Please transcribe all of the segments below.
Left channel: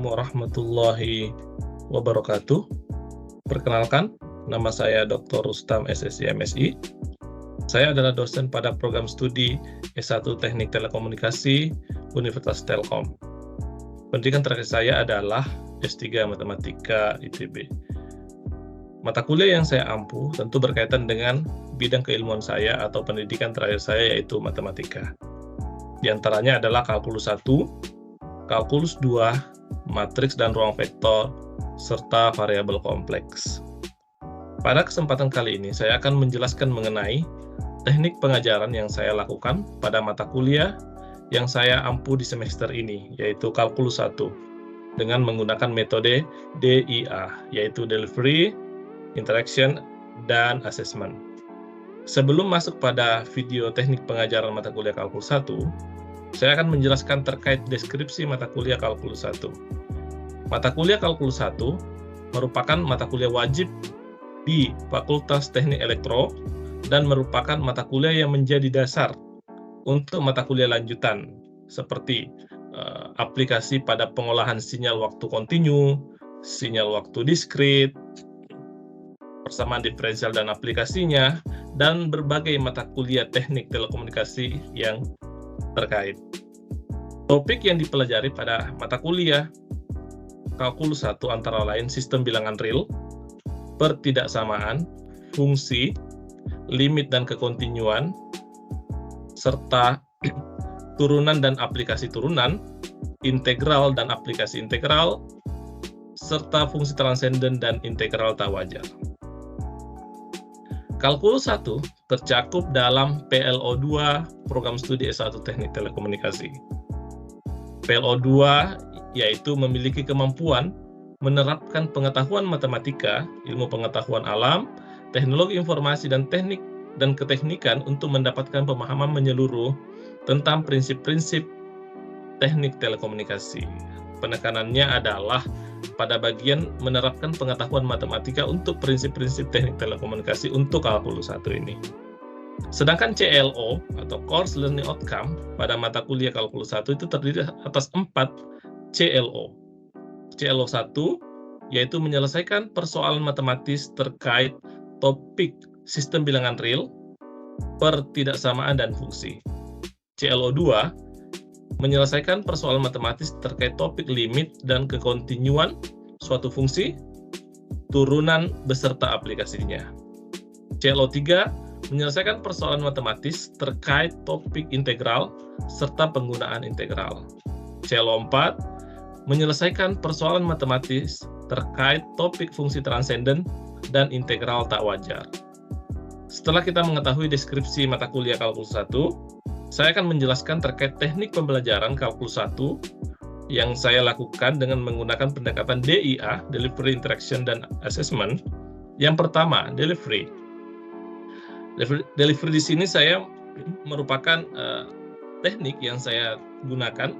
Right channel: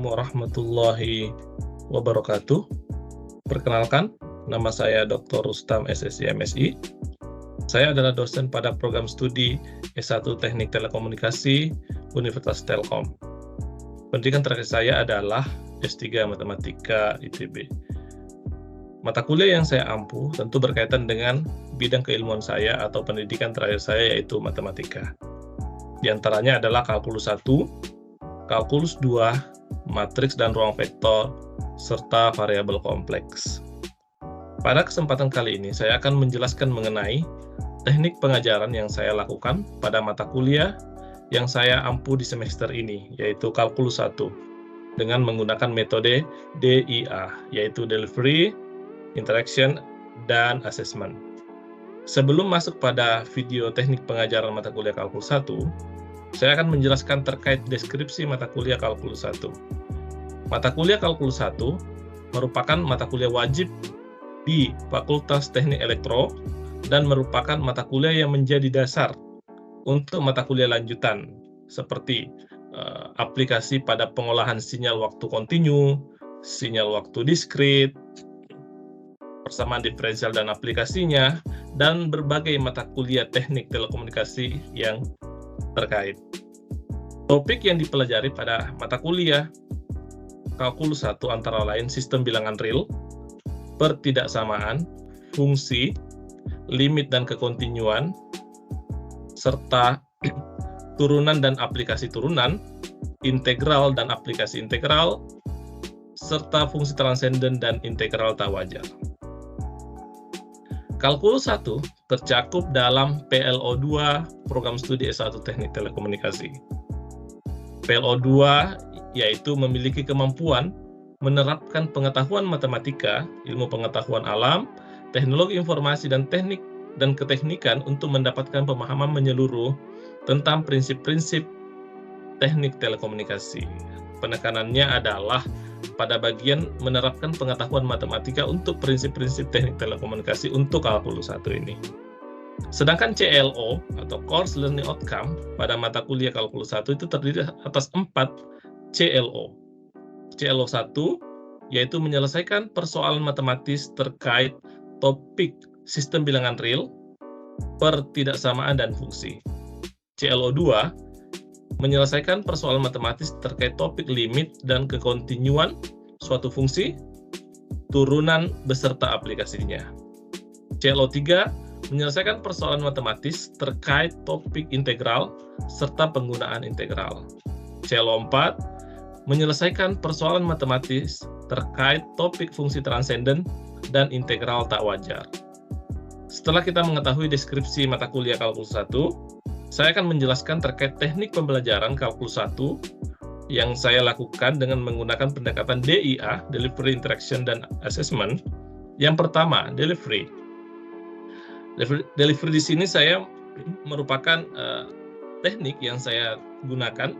Warahmatullahi wabarakatuh. Perkenalkan, nama saya Dr. Rustam SSI MSI. Saya adalah dosen pada program studi S1 Teknik Telekomunikasi Universitas Telkom. Pendidikan terakhir saya adalah S3 Matematika ITB. Mata kuliah yang saya ampu tentu berkaitan dengan bidang keilmuan saya atau pendidikan terakhir saya, yaitu matematika. Di antaranya adalah kalkulus 1, kalkulus 2, matriks dan ruang vektor, serta variabel kompleks. Pada kesempatan kali ini, saya akan menjelaskan mengenai teknik pengajaran yang saya lakukan pada mata kuliah yang saya ampu di semester ini, yaitu kalkulus 1, dengan menggunakan metode DIA, yaitu Delivery, Interaction, dan Assessment. Sebelum masuk pada video teknik pengajaran mata kuliah kalkulus 1, saya akan menjelaskan terkait deskripsi mata kuliah kalkulus 1. Mata kuliah kalkulus 1 merupakan mata kuliah wajib di Fakultas Teknik Elektro dan merupakan mata kuliah yang menjadi dasar untuk mata kuliah lanjutan seperti aplikasi pada pengolahan sinyal waktu kontinu, sinyal waktu diskrit, persamaan diferensial dan aplikasinya, dan berbagai mata kuliah teknik telekomunikasi yang terkait. Topik yang dipelajari pada mata kuliah kalkulus 1 antara lain sistem bilangan real, pertidaksamaan, fungsi, limit dan kekontinuan, serta turunan dan aplikasi turunan, integral dan aplikasi integral, serta fungsi transenden dan integral tak wajar. Kalkulus 1 tercakup dalam PLO2 program studi S1 Teknik Telekomunikasi. PLO2 yaitu memiliki kemampuan menerapkan pengetahuan matematika, ilmu pengetahuan alam, teknologi informasi dan teknik dan keteknikan untuk mendapatkan pemahaman menyeluruh tentang prinsip-prinsip teknik telekomunikasi. Penekanannya adalah pada bagian menerapkan pengetahuan matematika untuk prinsip-prinsip teknik telekomunikasi untuk kalkulus 1 ini. Sedangkan CLO atau Course Learning Outcome pada mata kuliah kalkulus 1 itu terdiri atas 4 CLO. CLO 1 yaitu menyelesaikan persoalan matematis terkait topik sistem bilangan real, pertidaksamaan dan fungsi. CLO 2 menyelesaikan persoalan matematis terkait topik limit dan kekontinuan suatu fungsi, turunan beserta aplikasinya. CLO 3 menyelesaikan persoalan matematis terkait topik integral serta penggunaan integral. CLO 4 menyelesaikan persoalan matematis terkait topik fungsi transenden dan integral tak wajar. Setelah kita mengetahui deskripsi mata kuliah kalkulus 1, saya akan menjelaskan terkait teknik pembelajaran kalkulus 1 yang saya lakukan dengan menggunakan pendekatan DIA, Delivery, Interaction, dan Assessment. Yang pertama, Delivery. Delivery di sini saya merupakan teknik yang saya gunakan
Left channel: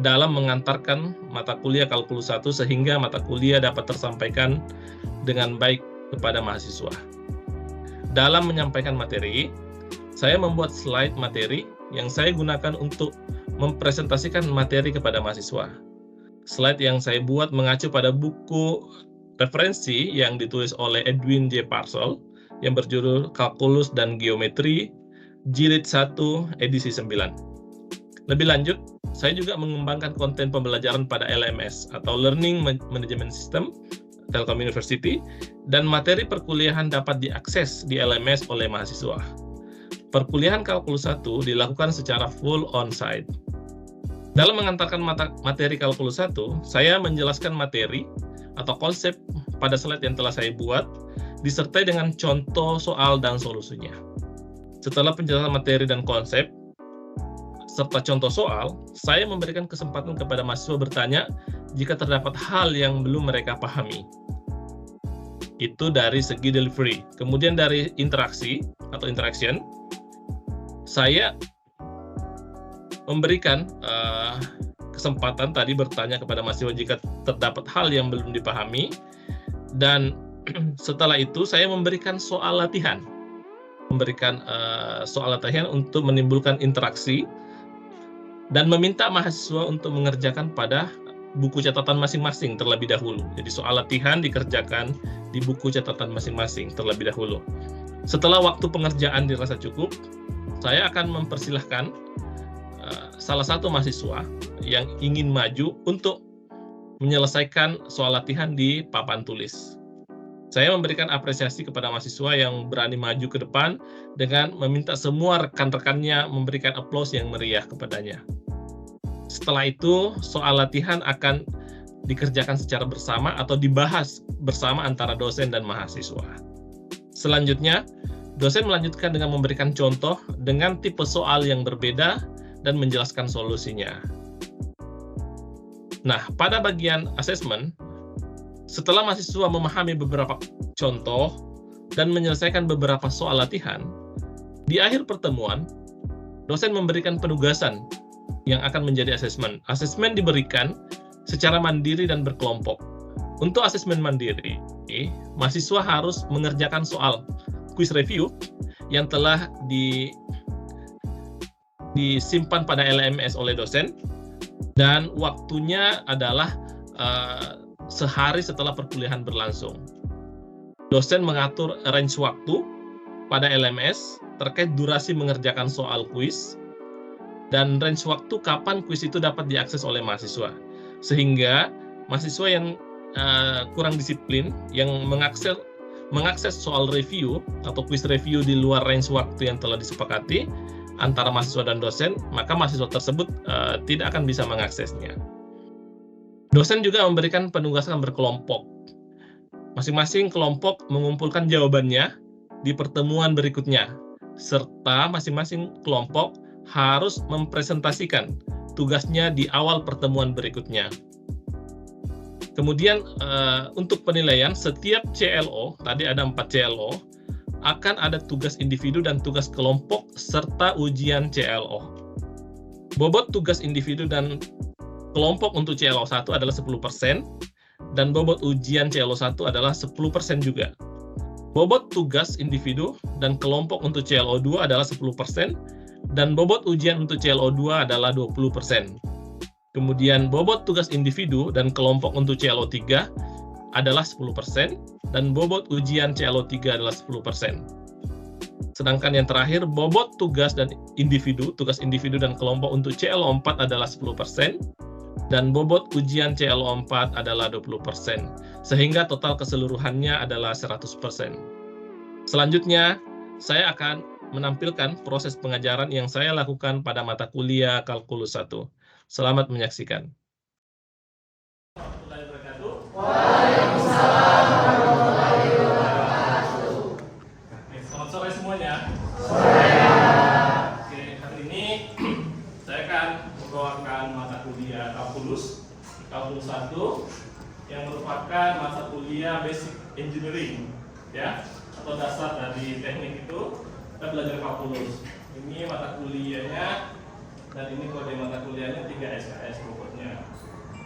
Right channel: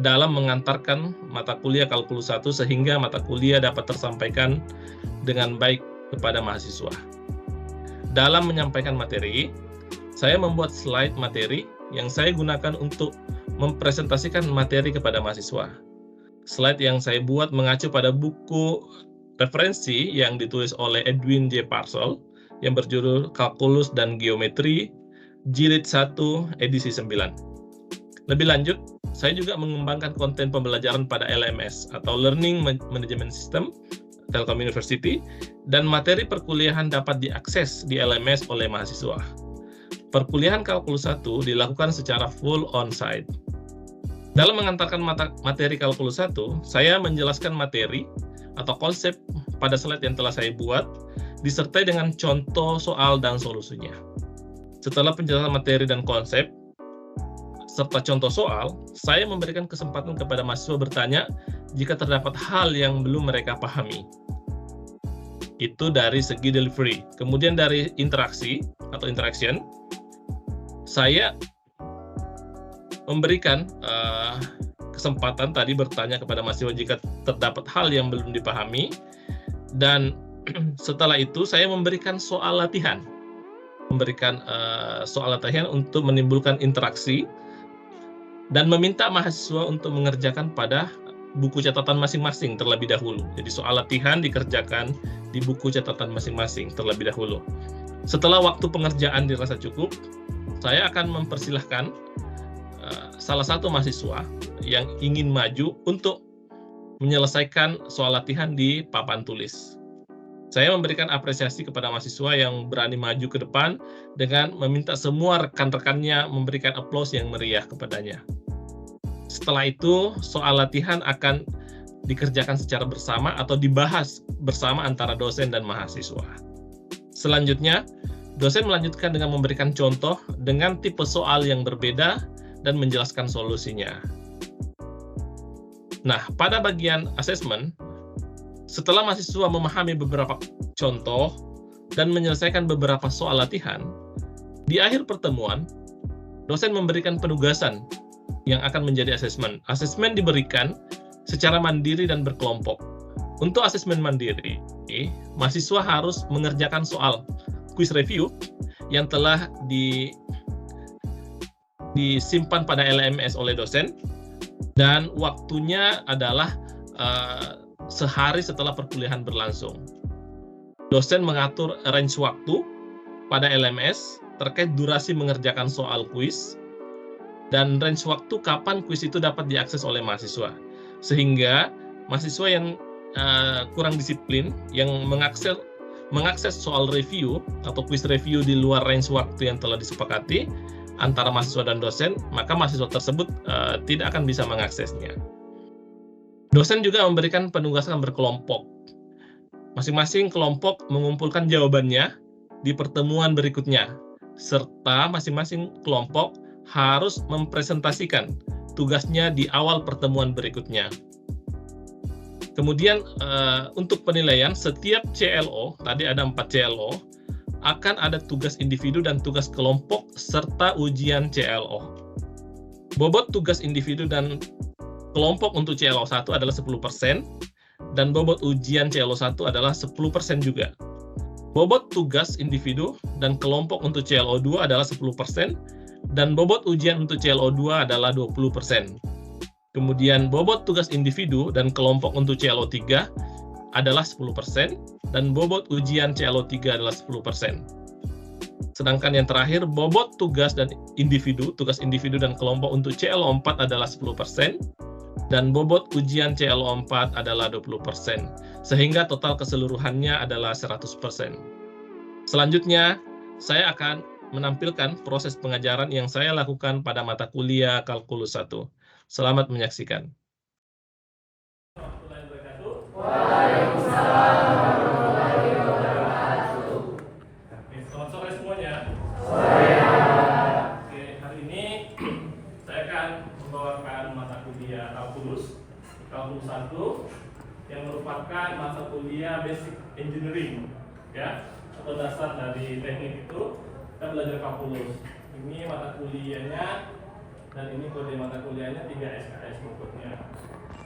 dalam mengantarkan mata kuliah kalkulus 1 sehingga mata kuliah dapat tersampaikan dengan baik kepada mahasiswa. Dalam menyampaikan materi, saya membuat slide materi yang saya gunakan untuk mempresentasikan materi kepada mahasiswa. Slide yang saya buat mengacu pada buku referensi yang ditulis oleh Edwin J. Parsel yang berjudul Kalkulus dan Geometri, Jilid 1, edisi 9. Lebih lanjut, saya juga mengembangkan konten pembelajaran pada LMS atau Learning Management System Telkom University, dan materi perkuliahan dapat diakses di LMS oleh mahasiswa. Perkuliahan kalkulus 1 dilakukan secara full on-site. Dalam mengantarkan materi kalkulus 1, saya menjelaskan materi atau konsep pada slide yang telah saya buat, disertai dengan contoh soal dan solusinya. Setelah penjelasan materi dan konsep, serta contoh soal, saya memberikan kesempatan kepada mahasiswa bertanya jika terdapat hal yang belum mereka pahami. Itu dari segi delivery. Kemudian dari interaksi atau interaction, saya memberikan kesempatan tadi bertanya kepada mahasiswa jika terdapat hal yang belum dipahami, dan setelah itu saya memberikan soal latihan. Soal latihan untuk menimbulkan interaksi dan meminta mahasiswa untuk mengerjakan pada buku catatan masing-masing terlebih dahulu. Jadi soal latihan dikerjakan di buku catatan masing-masing terlebih dahulu. Setelah waktu pengerjaan dirasa cukup, saya akan mempersilahkan salah satu mahasiswa yang ingin maju untuk menyelesaikan soal latihan di papan tulis. Saya memberikan apresiasi kepada mahasiswa yang berani maju ke depan dengan meminta semua rekan-rekannya memberikan aplaus yang meriah kepadanya. Setelah itu, soal latihan akan dikerjakan secara bersama atau dibahas bersama antara dosen dan mahasiswa. Selanjutnya, dosen melanjutkan dengan memberikan contoh dengan tipe soal yang berbeda dan menjelaskan solusinya. Nah, pada bagian asesmen, setelah mahasiswa memahami beberapa contoh dan menyelesaikan beberapa soal latihan, di akhir pertemuan, dosen memberikan penugasan yang akan menjadi asesmen. Asesmen diberikan secara mandiri dan berkelompok. Untuk asesmen mandiri, mahasiswa harus mengerjakan soal quiz review yang telah disimpan pada LMS oleh dosen, dan waktunya adalah sehari setelah perkuliahan berlangsung. Dosen mengatur range waktu pada LMS terkait durasi mengerjakan soal kuis dan range waktu kapan kuis itu dapat diakses oleh mahasiswa. Sehingga mahasiswa yang kurang disiplin, yang mengakses soal review atau kuis review di luar range waktu yang telah disepakati antara mahasiswa dan dosen, maka mahasiswa tersebut tidak akan bisa mengaksesnya. Dosen juga memberikan penugasan berkelompok. Masing-masing kelompok mengumpulkan jawabannya di pertemuan berikutnya, serta masing-masing kelompok harus mempresentasikan tugasnya di awal pertemuan berikutnya. Kemudian untuk penilaian, setiap CLO, tadi ada 4 CLO, akan ada tugas individu dan tugas kelompok serta ujian CLO. Bobot tugas individu dan kelompok untuk CLO 1 adalah 10%, dan bobot ujian CLO 1 adalah 10% juga. Bobot tugas individu dan kelompok untuk CLO 2 adalah 10%, dan bobot ujian untuk CLO2 adalah 20%. Kemudian bobot tugas individu dan kelompok untuk CLO3 adalah 10%, dan bobot ujian CLO3 adalah 10%. Sedangkan yang terakhir, bobot tugas tugas individu dan kelompok untuk CLO4 adalah 10%, dan bobot ujian CLO4 adalah 20%, sehingga total keseluruhannya adalah 100%. Selanjutnya, saya akan menampilkan proses pengajaran yang saya lakukan pada mata kuliah Kalkulus 1. Selamat menyaksikan. Waalaikumsalam warahmatullahi wabarakatuh. Selamat sore semuanya. Sore. Oke, hari ini saya akan membawakan mata kuliah Kalkulus 1 yang merupakan mata kuliah Basic Engineering, ya, atau dasar dari teknik itu. Kita belajar kalkulus. Ini mata kuliahnya dan ini kode mata kuliahnya 3 SKS pokoknya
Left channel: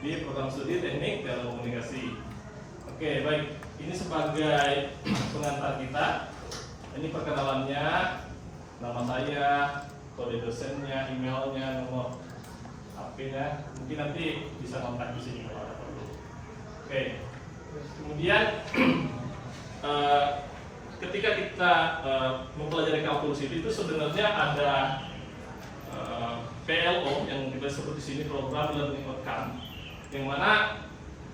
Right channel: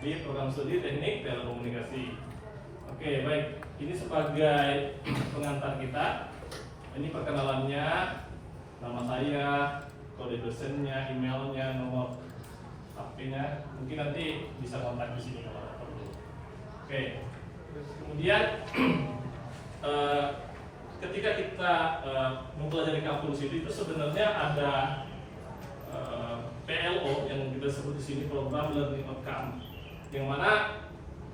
di program studi teknik telekomunikasi. Oke, baik. Ini sebagai pengantar kita. Ini perkenalannya, nama saya, kode dosennya, emailnya, nomor HP-nya. Mungkin nanti bisa kontak di sini kalau ada perlu. Oke. Kemudian ketika kita mempelajari kalkulus itu sebenarnya ada PLO yang kita sebut di sini program learning outcome, yang mana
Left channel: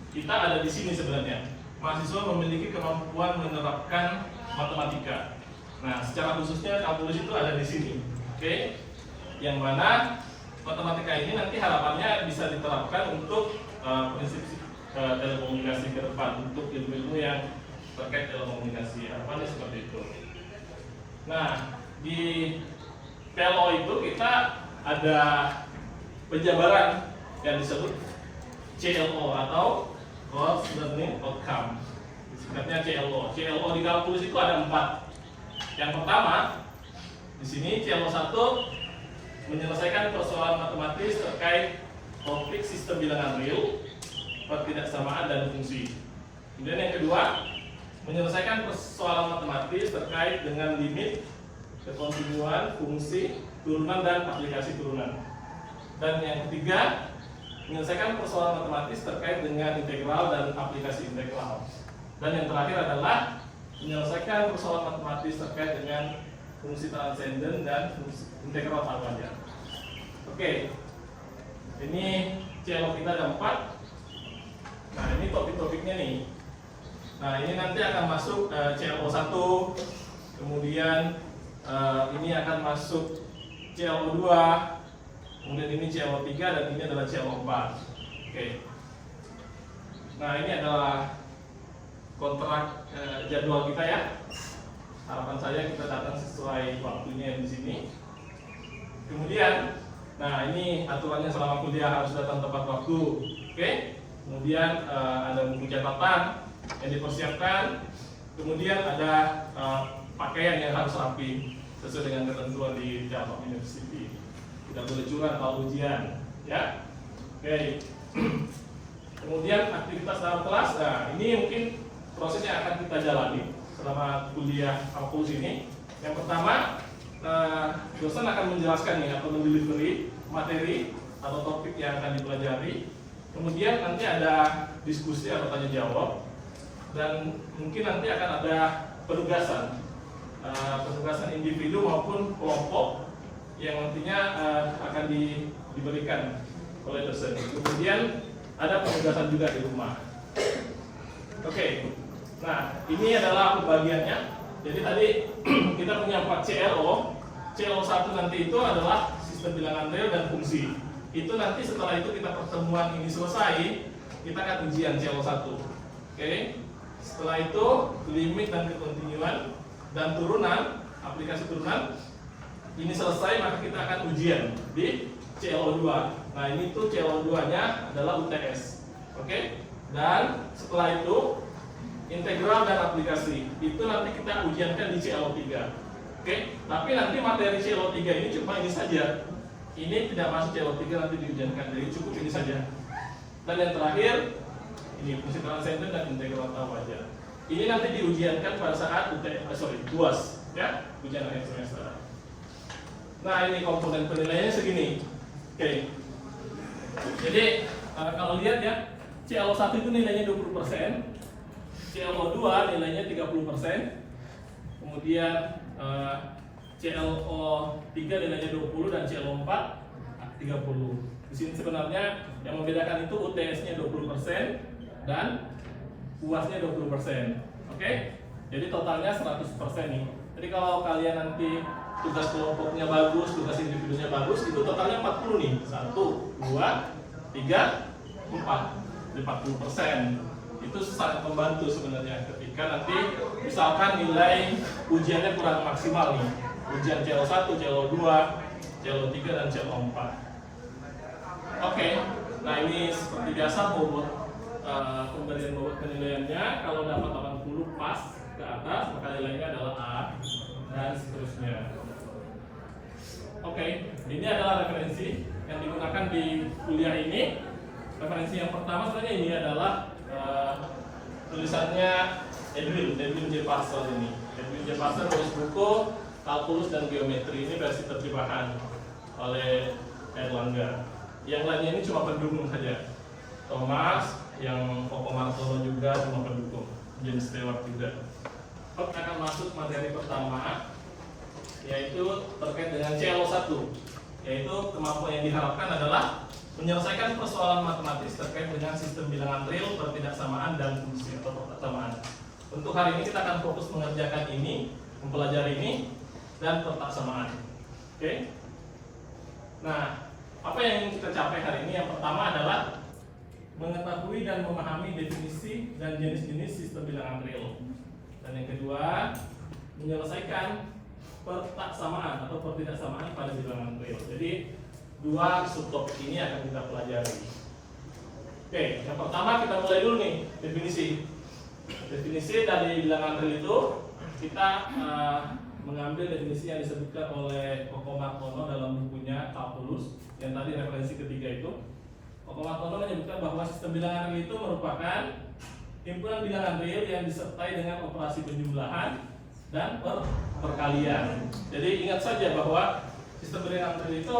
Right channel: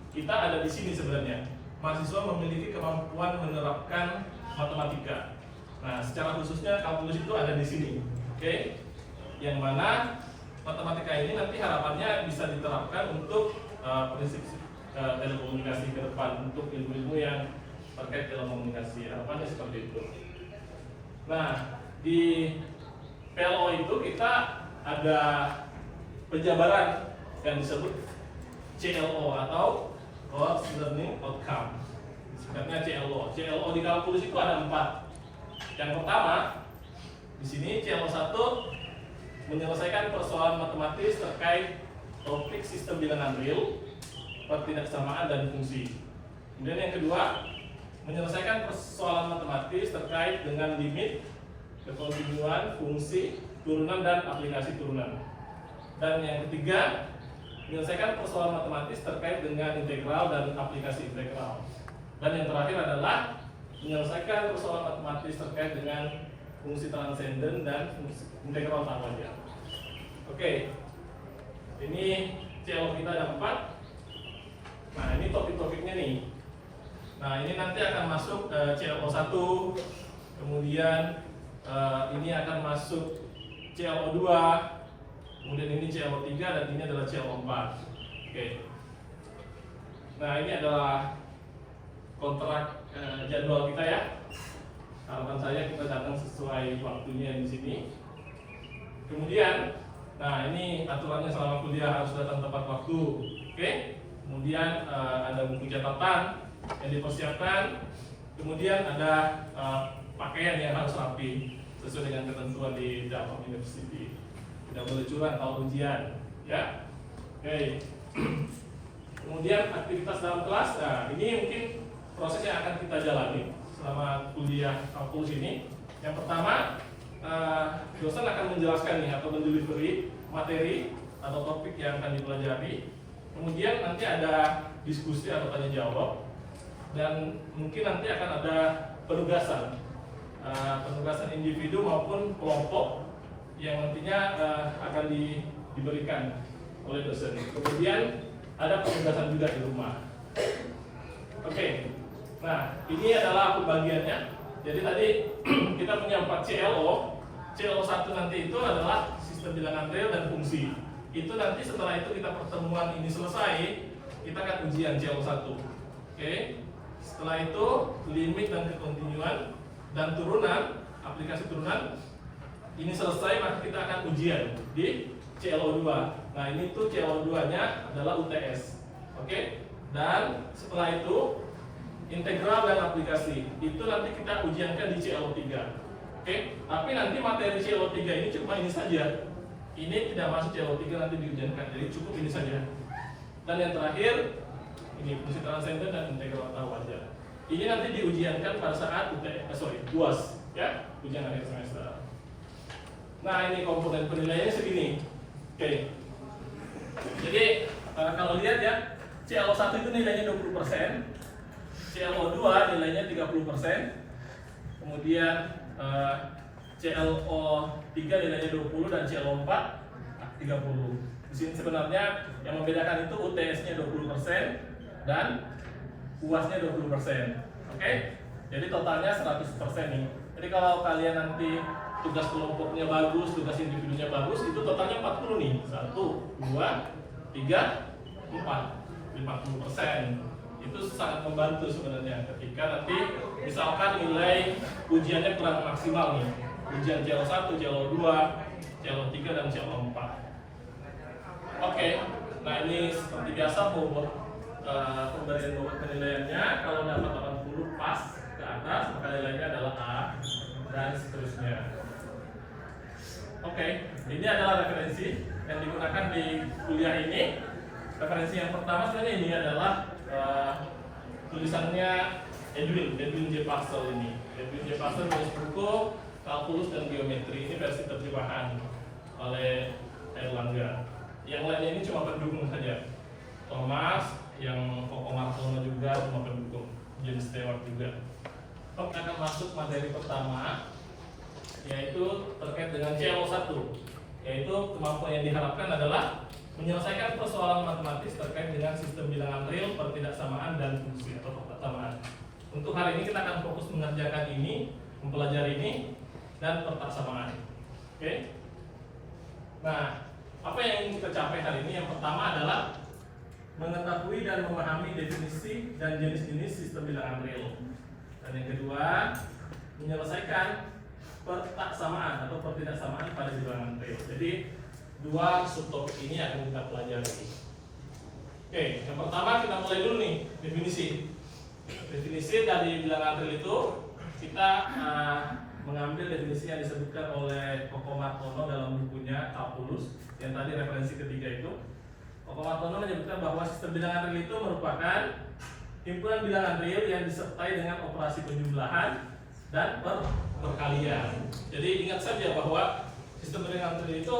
kita ada di sini sebenarnya. Mahasiswa memiliki kemampuan menerapkan matematika. Nah, secara khususnya kalkulus itu ada di sini, oke? Yang mana matematika ini nanti harapannya bisa diterapkan untuk prinsip telekomunikasi ke depan, untuk ilmu-ilmu yang terkait telekomunikasi, harapannya seperti itu. Nah, di PLO itu kita ada penjabaran yang disebut CLO atau Course Learning Outcome. Singkatnya CLO. CLO di kalkulus itu ada 4. Yang pertama, di sini CLO 1 menyelesaikan persoalan matematis terkait topik sistem bilangan real, pertidaksamaan dan fungsi. Kemudian yang kedua, menyelesaikan persoalan matematis terkait dengan limit, kekontinuan, fungsi, turunan dan aplikasi turunan. Dan yang ketiga, menyelesaikan persoalan matematis terkait dengan integral dan aplikasi integral. Dan yang terakhir adalah menyelesaikan persoalan matematis terkait dengan fungsi transenden dan fungsi integral tawaja. Oke, ini CLO kita ada 4. Nah, ini topik-topiknya nih. Nah, ini nanti akan masuk CLO 1, kemudian ini akan masuk CLO 2, kemudian ini CLO 3, dan ini adalah CLO 4. Oke. Nah, ini adalah kontrak jadwal kita ya. Harapan saya kita datang sesuai waktunya di sini. Kemudian, nah ini aturannya selama kuliah harus datang tepat waktu. Oke. Kemudian ada buku catatan yang dipersiapkan. Kemudian ada pakaian yang harus rapi sesuai dengan ketentuan di Jalpa University. Tidak boleh curang kalau ujian, ya. Oke. Kemudian aktivitas dalam kelas. Nah, ini mungkin proses yang akan kita jalani selama kuliah kalkulus ini. Yang pertama, dosen akan menjelaskan nih atau mendelivery materi atau topik yang akan dipelajari. Kemudian nanti ada diskusi atau tanya jawab, dan mungkin nanti akan ada penugasan individu maupun kelompok yang nantinya akan diberikan oleh dosen. Kemudian ada penugasan juga di rumah. Oke. Nah, ini adalah pembagiannya. Jadi tadi kita punya 4 CLO. CLO 1 nanti itu adalah sistem bilangan real dan fungsi. Itu nanti setelah itu kita pertemuan ini selesai, kita akan ujian CLO 1. Oke. Setelah itu limit dan kekontinuan dan turunan, aplikasi turunan ini selesai, maka kita akan ujian di CLO 2. Nah, ini tuh CLO 2-nya adalah UTS. Oke. Dan setelah itu integral dan aplikasi itu nanti kita ujiankan di CLO 3. Oke. Tapi nanti materi CLO 3 ini cuma ini saja. Ini tidak masuk CLO 3, nanti diujiankan, jadi cukup ini saja. Dan yang terakhir ini fungsi transenden dan integral tawaja. Ini nanti diujiankan pada saat UAS, ya, ujian akhir semester. Nah, ini komponen penilaiannya segini. Oke. Jadi kalau lihat ya, CLO 1 itu nilainya 20%, CLO 2 nilainya 30%, kemudian CLO 3 nilainya 20 dan CLO 4 30. Di sini sebenarnya yang membedakan itu UTS-nya 20% dan UAS-nya 20%. Oke? Jadi totalnya 100% nih. Jadi kalau kalian nanti tugas kelompoknya bagus, tugas individunya bagus, itu totalnya 40 nih. 1, 2, 3, 4. Jadi 40%. Itu sangat membantu sebenarnya ketika nanti misalkan nilai ujiannya kurang maksimal nih. Ujian CLO 1, CLO 2, CLO 3, dan CLO 4. Oke. Nah, ini seperti biasa pemberian bobot penilaiannya. Kalau dapat 80 pas ke atas, maka nilainya adalah A, dan seterusnya. Oke, ini adalah referensi yang digunakan di kuliah ini. Referensi yang pertama sebenarnya ini adalah tulisannya Edwin J. Parcel ini. Edwin J. Parcel menulis buku Kalkulus dan Geometri, ini versi terjemahan oleh Erlangga. Yang lainnya ini cuma pendukung saja. Thomas, yang Koko Martono juga cuma pendukung. James Stewart juga. Oke, akan masuk materi pertama, yaitu terkait dengan CLO 1, yaitu kemampuan yang diharapkan adalah menyelesaikan persoalan matematis terkait dengan sistem bilangan real, pertidaksamaan, dan fungsi atau pertatamaan. Untuk hari ini kita akan fokus mengerjakan ini, mempelajari ini, dan pertidaksamaan. Oke. Nah, apa yang ingin kita capai hari ini? Yang pertama adalah mengetahui dan memahami definisi dan jenis-jenis sistem bilangan real. Dan yang kedua, menyelesaikan pertidaksamaan atau pertidaksamaan pada bilangan real. Jadi dua subtopik ini akan kita pelajari. Oke, yang pertama kita mulai dulu nih, definisi. Definisi dari bilangan real itu kita mengambil definisi yang disebutkan oleh Koko Martono dalam bukunya Kalkulus, yang tadi referensi ketiga itu. Koko Martono menyebutkan bahwa sistem bilangan real itu merupakan himpunan bilangan real yang disertai dengan operasi penjumlahan dan perkalian. Jadi ingat saja bahwa sistem bilangan real itu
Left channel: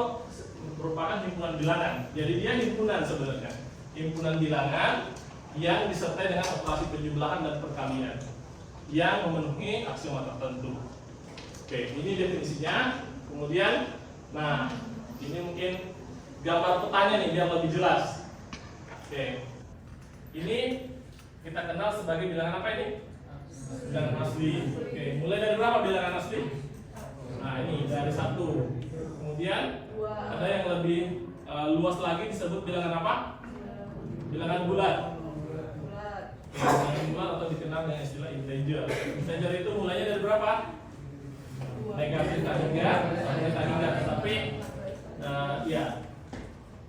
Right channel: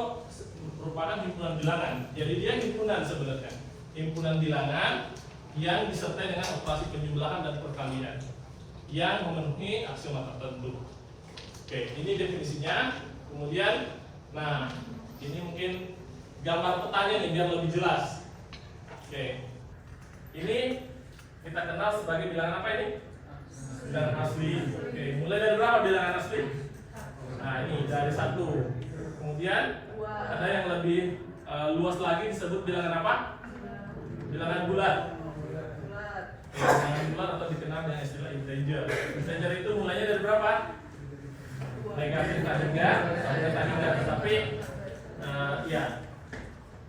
merupakan himpunan bilangan. Jadi dia himpunan sebenarnya. Himpunan bilangan yang disertai dengan operasi penjumlahan dan perkalian yang memenuhi aksioma tertentu. Oke, ini definisinya. Kemudian, nah ini mungkin gambar petanya nih biar lebih jelas. Oke, ini kita kenal sebagai bilangan apa ini? Bilangan asli. Oke, mulai dari berapa bilangan asli? Nah ini dari 1. Kemudian ada yang lebih luas lagi disebut bilangan apa? Bilangan bulat. Bilangan bulat atau dikenal dengan istilah integer. Integer itu mulainya dari berapa? Negatif tak hingga sampai tak hingga. Tapi ya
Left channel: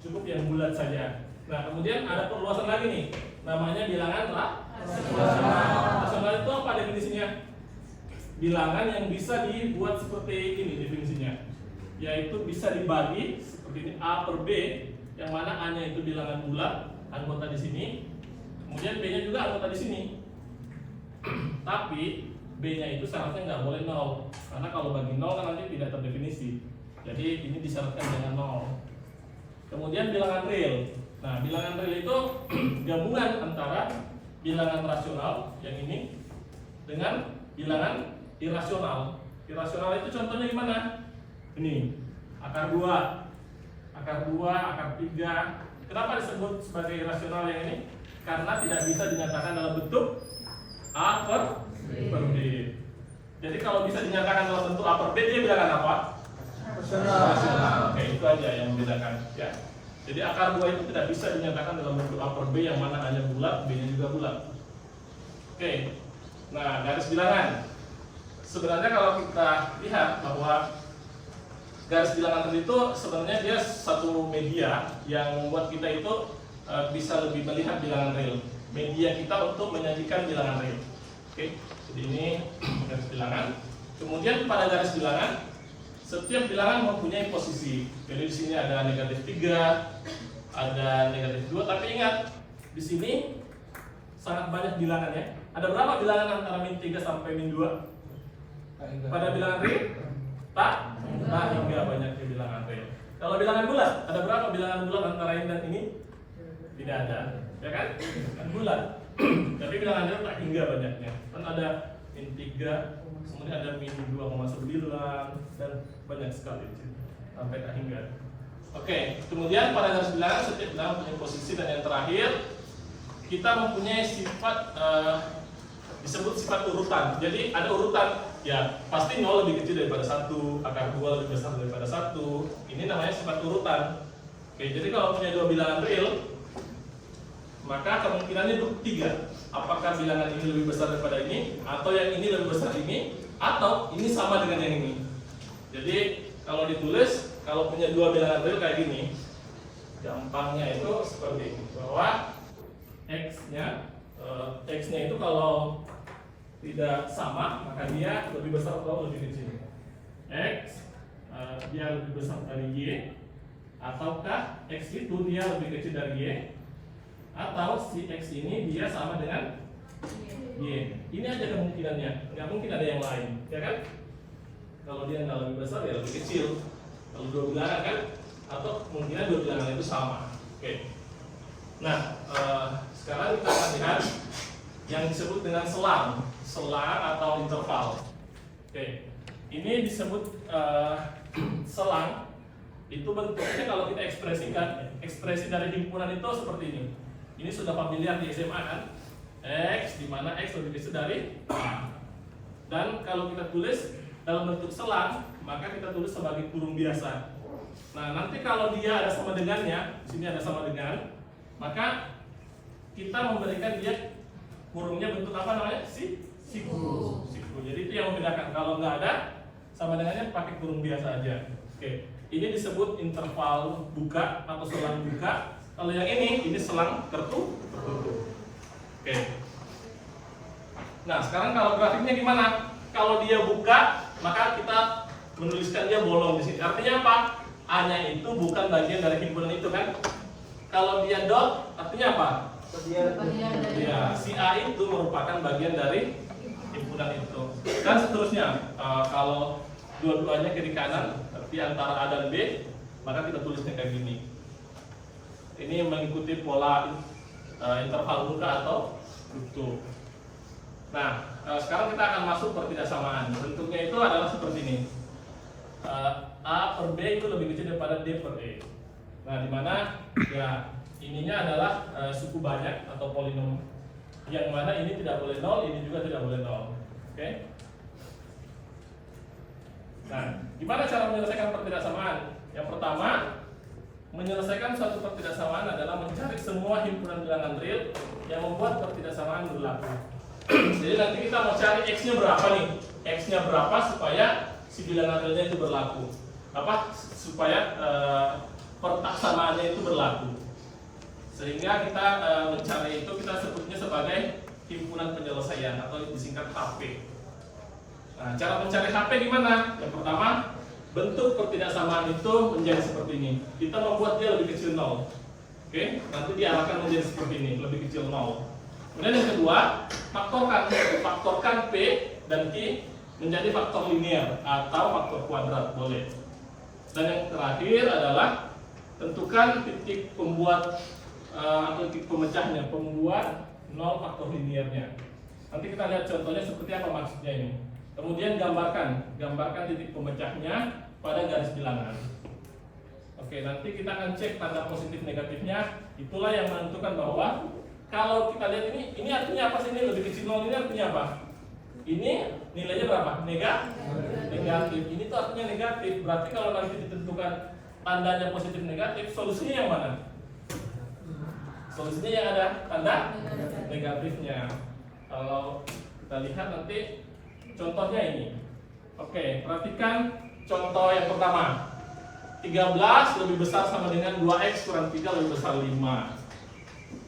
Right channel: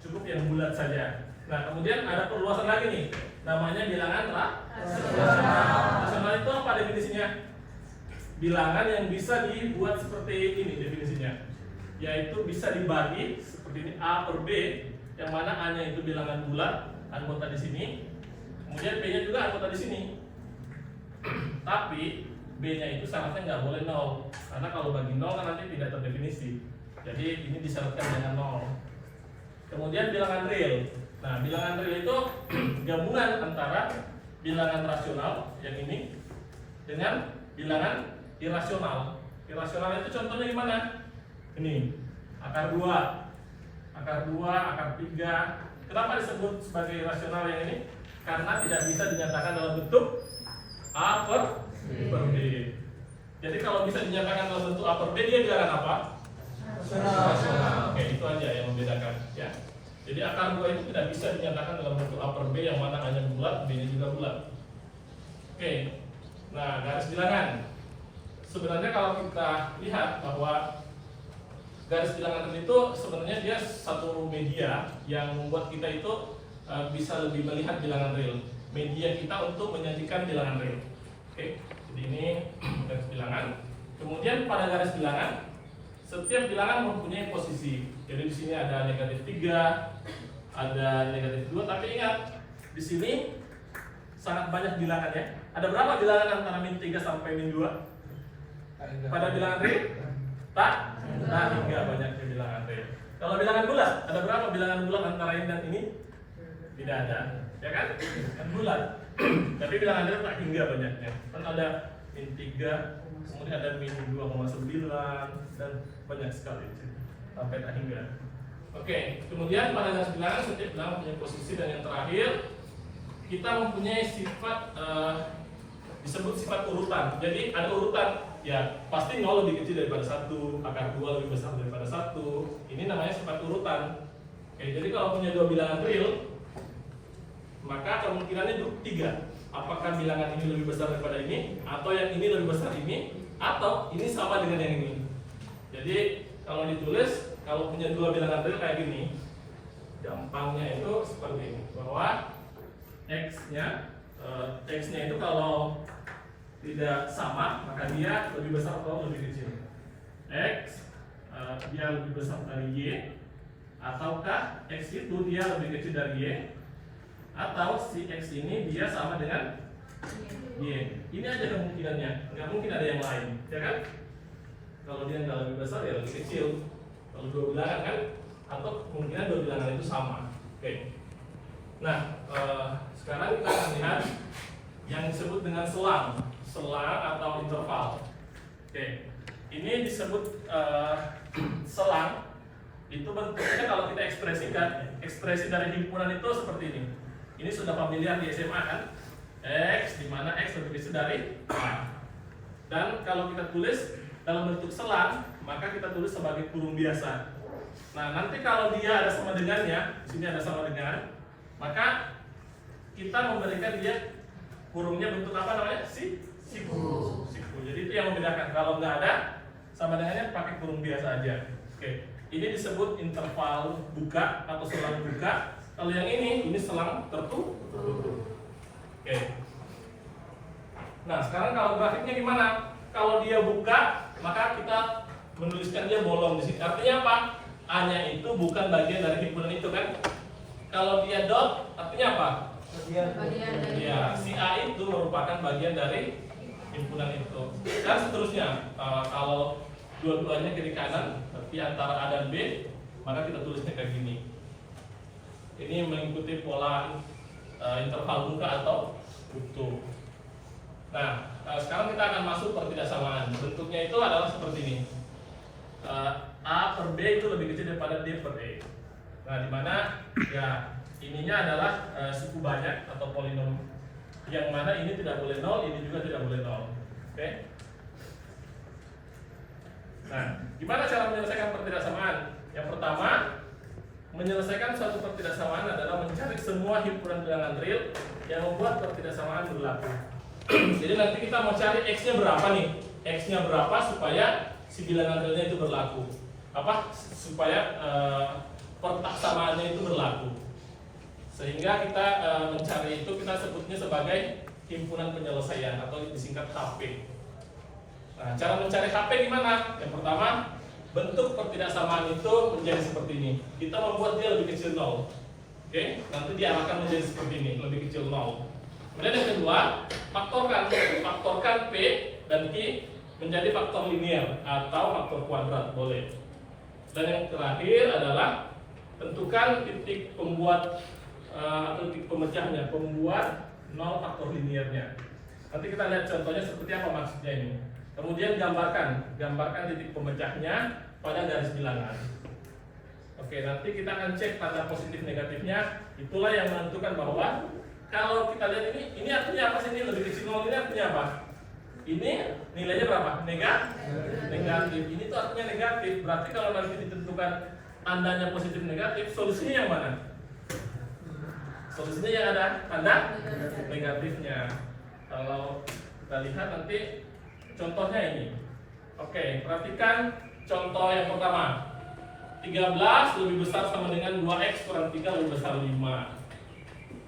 cukup yang bulat saja. Nah kemudian ada perluasan lagi nih, namanya bilangan rasional. Rasional itu apa definisinya? Bilangan yang bisa dibuat seperti ini definisinya, yaitu bisa dibagi seperti ini A per B, yang mana A-nya itu bilangan bulat, anggota di sini, kemudian B-nya juga anggota di sini. Tapi B-nya itu syaratnya nggak boleh 0, karena kalau bagi 0 kan nanti tidak terdefinisi. Jadi ini disyaratkan dengan 0. Kemudian bilangan real. Nah, bilangan real itu gabungan antara bilangan rasional yang ini dengan bilangan irasional. Irasional itu contohnya gimana? Ini akar 2, akar 3. Kenapa disebut sebagai irasional yang ini? Karena tidak bisa dinyatakan dalam bentuk A per B. Jadi kalau bisa dinyatakan dalam bentuk A per B, dia bilangan apa? Rasional. Oke, itu aja yang membedakan ya. Jadi akar 2 itu tidak bisa dinyatakan dalam bentuk A per B yang mana hanya bulat, B-nya juga bulat. Oke. Nah, garis bilangan. Sebenarnya kalau kita lihat bahwa garis bilangan itu sebenarnya dia satu media yang membuat kita itu bisa lebih melihat bilangan real. Media kita untuk menyajikan bilangan real. Oke. Jadi ini garis bilangan. Kemudian pada garis bilangan, setiap bilangan mempunyai posisi. Jadi di sini ada negatif 3, ada negatif 2. Tapi ingat, di sini sangat banyak bilangan ya. Ada berapa bilangan antara min 3 sampai min 2? Pada bilangan real? Tak hingga banyaknya bilangan real. Kalau bilangan bulat, ada berapa bilangan bulat antara ini dan ini? Tidak ada, ya kan? Kan bulat. Tapi bilangan real tak hingga banyaknya. Kan ada min 3, kemudian ada min 2,9 dan banyak sekali di sini sampai tak hingga. Oke, kemudian pada garis bilangan setiap bilangan punya posisi, dan yang terakhir kita mempunyai sifat disebut sifat urutan. Jadi ada urutan, ya pasti 0 lebih kecil daripada 1, akar 2 lebih besar daripada 1. Ini namanya sifat urutan. Oke, jadi kalau punya 2 bilangan real, maka kemungkinannya 3. Apakah bilangan ini lebih besar daripada ini, atau yang ini lebih besar ini, atau ini sama dengan yang ini. Jadi kalau ditulis, kalau punya 2 bilangan real kayak gini, gampangnya itu seperti ini, bahwa X-nya itu kalau tidak sama, maka dia lebih besar atau lebih kecil. X dia lebih besar dari Y, ataukah X itu dia lebih kecil dari Y, atau si X ini dia sama dengan Y. Ini aja kemungkinannya, nggak mungkin ada yang lain, ya kan? Kalau dia nggak lebih besar ya lebih kecil. Kalau 2 bilangan kan, atau kemungkinan 2 bilangan itu sama. Oke. Nah, sekarang kita akan lihat yang disebut dengan selang atau interval. Oke, ini disebut selang. Itu bentuknya kalau kita ekspresikan, ekspresi dari himpunan itu seperti ini. Ini sudah familiar di SMA kan? X, di mana X lebih kecil dari A. Dan kalau kita tulis dalam bentuk selang, maka kita tulis sebagai kurung biasa. Nah, nanti kalau dia ada sama dengannya, di sini ada sama dengan, maka kita memberikan dia kurungnya bentuk apa namanya? Siku. Jadi itu yang membedakan. Kalau nggak ada sama dengannya, pakai kurung biasa aja. Oke. Ini disebut interval buka atau selang buka. Kalau yang ini selang tertutup. Oke. Nah, sekarang kalau grafiknya gimana? Kalau dia buka, maka kita menuliskan dia bolong di sini. Artinya apa? A-nya itu bukan bagian dari himpunan itu kan? Kalau dia dot, artinya apa? Ya, si A itu merupakan bagian dari himpunan itu. Dan seterusnya, kalau dua-duanya kiri kanan, berarti antara A dan B maka kita tulisnya kayak gini. Ini mengikuti pola interval muka atau luktur. Nah, sekarang kita akan masuk pertidaksamaan. Bentuknya itu adalah seperti ini. A per B itu lebih kecil daripada D per E. Nah, di mana ya ininya adalah suku banyak atau polinom, yang mana ini tidak boleh 0, ini juga tidak boleh 0. Oke? Nah, gimana cara menyelesaikan pertidaksamaan? Yang pertama, menyelesaikan suatu pertidaksamaan adalah mencari semua himpunan bilangan real yang membuat pertidaksamaan berlaku. Jadi nanti kita mau cari X-nya berapa nih? X-nya berapa supaya si bilangan realnya itu berlaku? Supaya pertaksamaannya itu berlaku. Sehingga kita mencari itu kita sebutnya sebagai himpunan penyelesaian atau disingkat HP. Nah, cara mencari HP gimana? Yang pertama, bentuk pertidaksamaan itu menjadi seperti ini. Kita membuat dia lebih kecil 0. Oke, nanti diarahkan menjadi seperti ini, lebih kecil 0. Kemudian yang kedua, faktorkan P dan Q menjadi faktor linear atau faktor kuadrat, boleh. Dan yang terakhir adalah tentukan titik pembuat atau titik pemecahnya, pembuat 0 faktor linearnya. Nanti kita lihat contohnya seperti apa maksudnya ini. Kemudian gambarkan titik pemecahnya pada garis bilangan. Oke, nanti kita akan cek tanda positif negatifnya. Itulah yang menentukan bahwa kalau kita lihat ini artinya apa sih? Ini lebih kecil 0 ini artinya apa? Ini nilainya berapa? Negatif. Ini tuh artinya negatif. Berarti kalau nanti ditentukan tandanya positif negatif, solusinya yang mana? Solusinya yang ada tanda negatifnya. Kalau kita lihat nanti contohnya ini. Oke, perhatikan contoh yang pertama. 13 lebih besar sama dengan 2x kurang 3 lebih besar 5.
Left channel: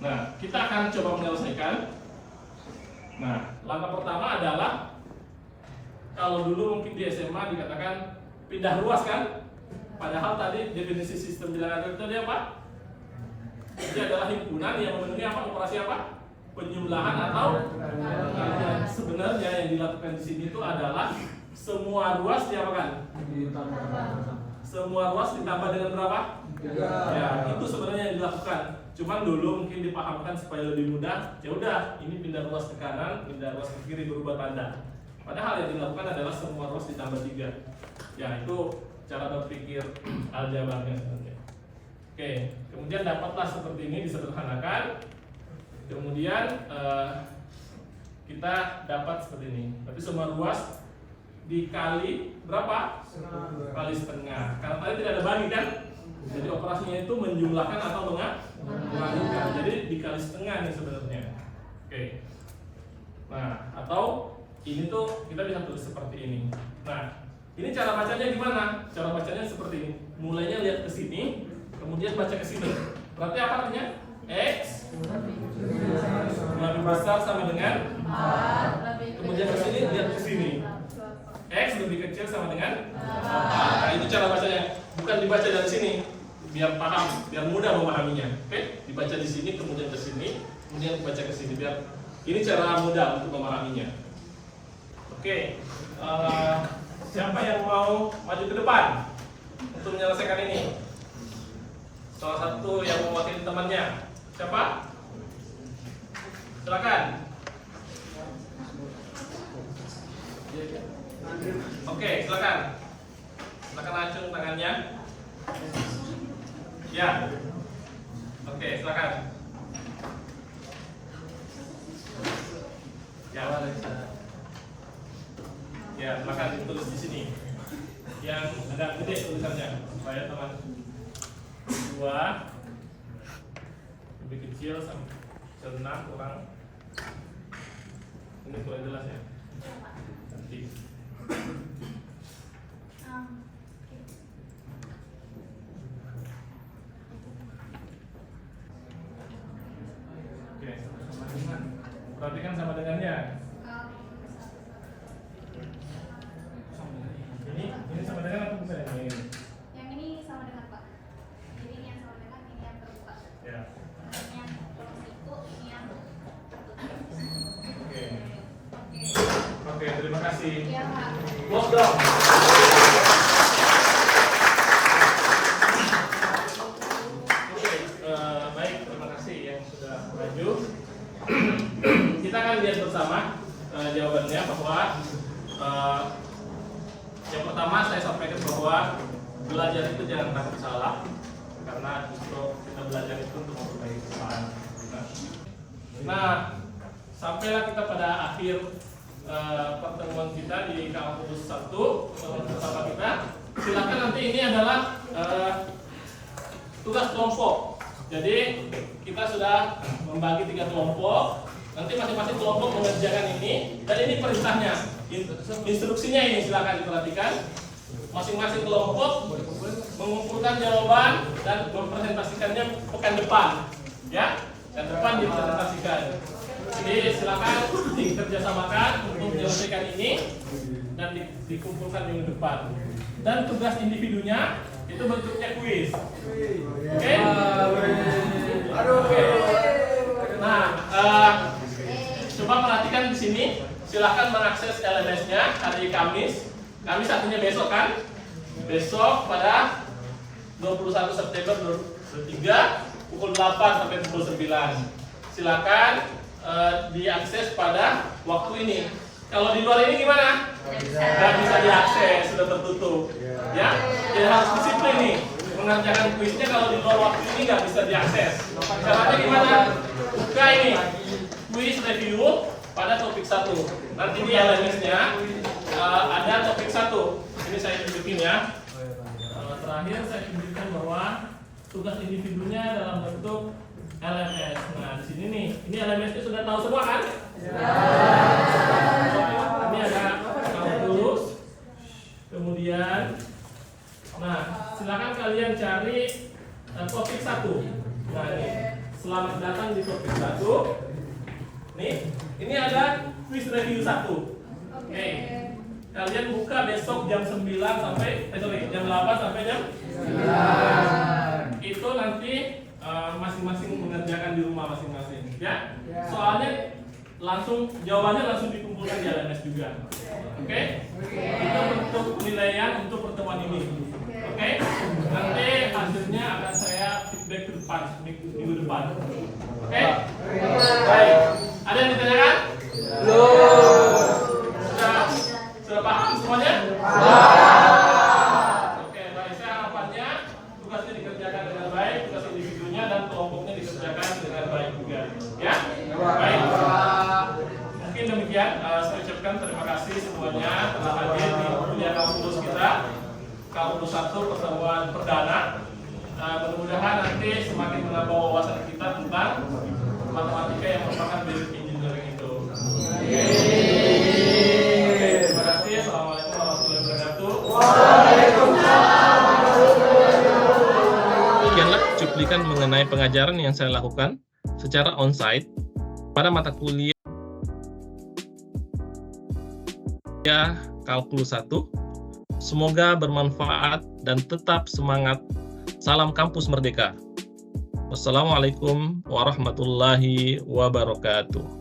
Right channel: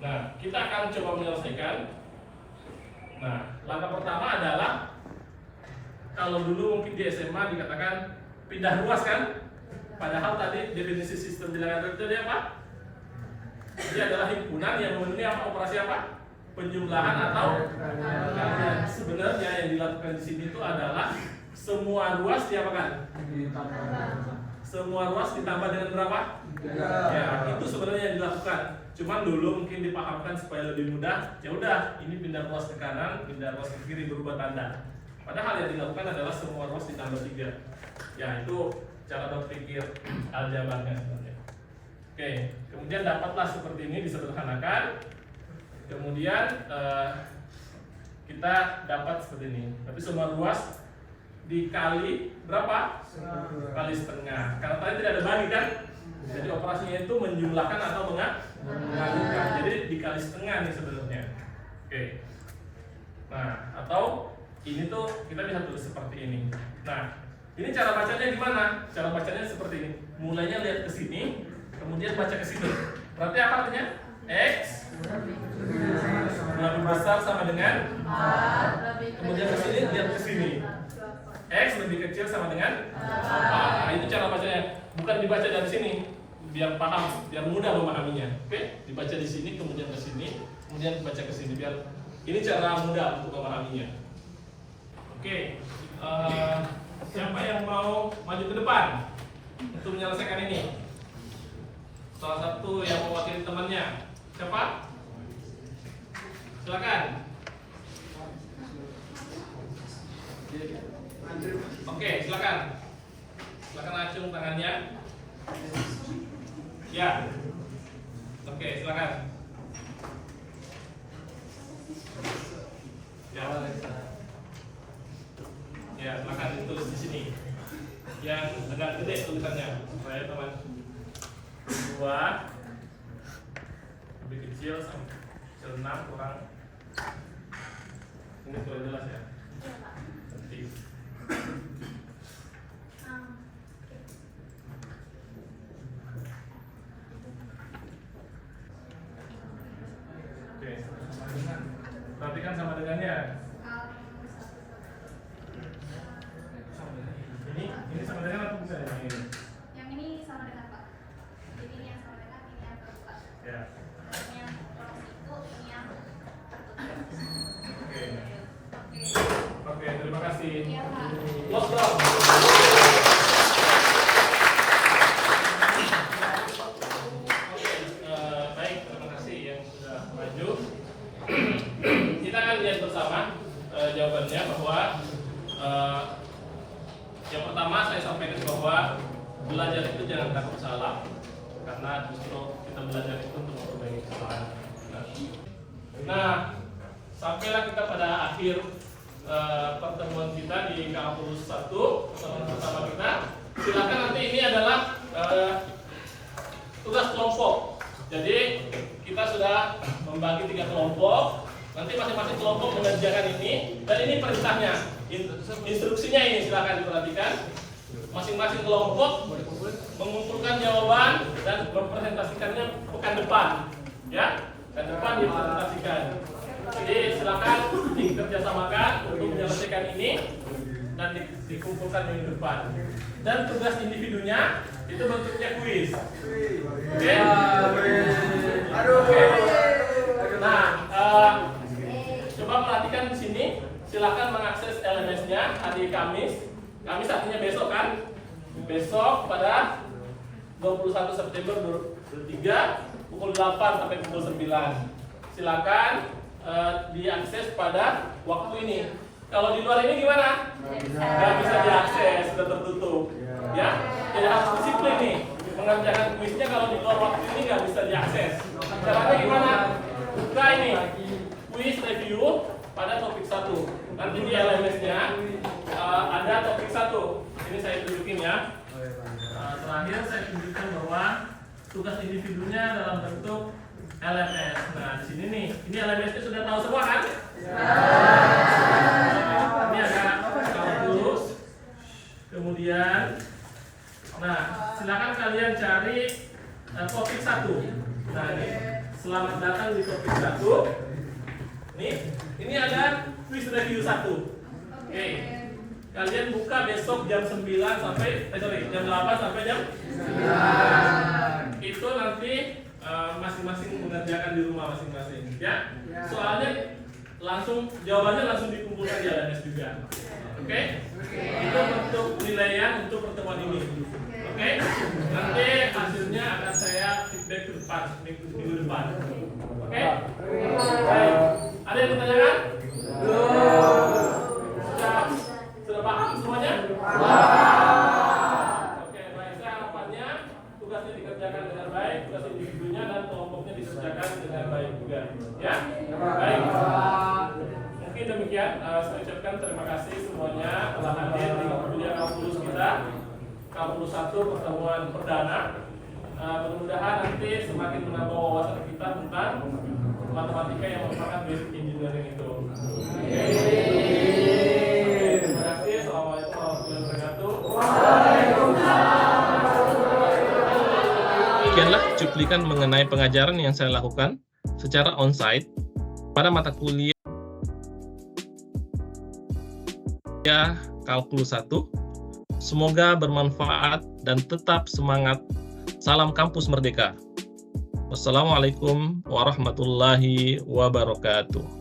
Nah, kita akan coba menyelesaikan. Nah, langkah pertama adalah kalau dulu mungkin di SMA dikatakan pindah ruas kan? Padahal tadi definisi sistem bilangan itu apa? Dia adalah himpunan yang memenuhi apa? Operasi apa? Penjumlahan atau pengalihan. Sebenarnya yang dilakukan di sini itu adalah semua ruas diapakan? Semua ruas ditambah dengan berapa? Ya, itu sebenarnya yang dilakukan. Cuman dulu mungkin dipahamkan supaya lebih mudah. Ya udah, ini pindah ruas ke kanan, pindah ruas ke kiri berubah tanda. Padahal yang dilakukan adalah semua ruas ditambah 3. Ya, itu cara berpikir aljabarnya sebenarnya. Oke, kemudian dapatlah seperti ini disederhanakan. Kemudian kita dapat seperti ini. Tapi semua ruas dikali berapa? Kali setengah. Karena tadi tidak ada bagi kan? Jadi operasinya itu menjumlahkan atau mengalihkan. Jadi dikali setengah nih sebenarnya. Oke. Nah, atau ini tuh kita bisa tulis seperti ini. Nah, ini cara bacanya gimana? Cara bacanya seperti ini. Mulainya lihat ke sini, kemudian baca ke sini. Berarti apa artinya? X lebih besar sama dengan 4. Kemudian ke sini lihat ke sini. X lebih kecil sama dengan 4. Nah, itu cara bacanya. Bukan dibaca dari sini, biar paham, biar mudah memahaminya. Oke, dibaca di sini, kemudian ke sini, kemudian dibaca ke sini. Biar ini cara mudah untuk memahaminya. Oke, siapa yang mau maju ke depan untuk menyelesaikan ini? Salah satu yang mewakili temannya. Siapa? Silakan. Oke, silakan. Silakan acung tangannya. Ya. Oke, silakan. Ya. Ya, silakan ditulis di sini. Yang agak gede tulisannya supaya teman 2 lebih kecil sampai 6 kurang. Ini kurang jelas ya. Nanti. Oke, sama dengan. Perhatikan sama dengannya. Ini sama dengan apa bukan ini? Yang ini sama dengan Pak. Ini yang sama dengan ini yang terbuka. Ya. Ini yang kolom itu, ini yang tertutup. Oke. Oke, terima kasih. Iya Pak. Close pertama saya sampaikan bahwa belajar itu jangan takut salah, karena justru kita belajar itu untuk memperbaiki kesalahan. Nah, sampailah kita pada akhir pertemuan kita di kampus 1 pertemuan pertama kita. Silakan, nanti ini adalah tugas kelompok. Jadi kita sudah membagi 3 kelompok. Nanti masing-masing kelompok mengerjakan ini, dan ini perintahnya, instruksinya ini silakan diperhatikan. Masing-masing kelompok mengumpulkan jawaban dan mempresentasikannya pekan depan, ya, pekan depan dipresentasikan. Jadi silakan dikerjasamakan untuk menyelesaikan ini dan dikumpulkan minggu depan. Dan tugas individunya itu bentuknya kuis. Oke? Oke. Nah, coba perhatikan di sini. Silakan mengakses LMS-nya hari Kamis. Kamis artinya besok kan? Besok pada 21 September 2023 pukul 8 sampai pukul 9. Silakan diakses pada waktu ini. Kalau di luar ini gimana? Nggak bisa diakses, sudah tertutup. Ya, jadi harus disiplin nih. Mengerjakan kuisnya kalau di luar waktu ini nggak bisa diakses. Caranya gimana? Buka ini, kuis review pada topik 1. Nanti di LMS-nya ada topik 1. Ini saya tunjukin ya. Terakhir saya tunjukkan bahwa tugas individunya dalam bentuk LMS. Nah, di sini nih, ini LMS-nya sudah tahu semua kan? Ini ada kalkulus. Kemudian, nah, silakan kalian cari topik 1. Nah, ini selamat datang di topik 1. Nih, ini ada quiz review 1. Oke. Kalian buka besok jam 9 sampai jam 8 sampai jam 9. Itu nanti masing-masing mengerjakan di rumah masing-masing, ya. Soalnya langsung jawabannya langsung dikumpulkan di LMS juga. Oke? Itu bentuk penilaian untuk pertemuan ini. Oke? Nanti hasilnya akan saya feedback ke depan, minggu depan. Oke? Baik. Ada yang ditanyakan? Sudah paham semuanya? Oke, baik. Saya harapannya tugasnya dikerjakan dengan baik, tugas individunya dan kelompoknya dikerjakan dengan baik juga. Ya? Baik. Mungkin demikian. Saya ucapkan terima kasih semuanya telah hadir di kuliah kalkulus kita, kalkulus 1 pertemuan perdana. Mudah-mudahan nanti semakin menambah wawasan kita tentang matematika yang merupakan basic engineering itu. Terima kasih. Assalamualaikum warahmatullahi wabarakatuh. Demikianlah cuplikan mengenai pengajaran yang saya lakukan secara onsite pada mata kuliah Kalkulus 1. Semoga bermanfaat dan tetap semangat. Salam Kampus Merdeka. Wassalamualaikum warahmatullahi wabarakatuh.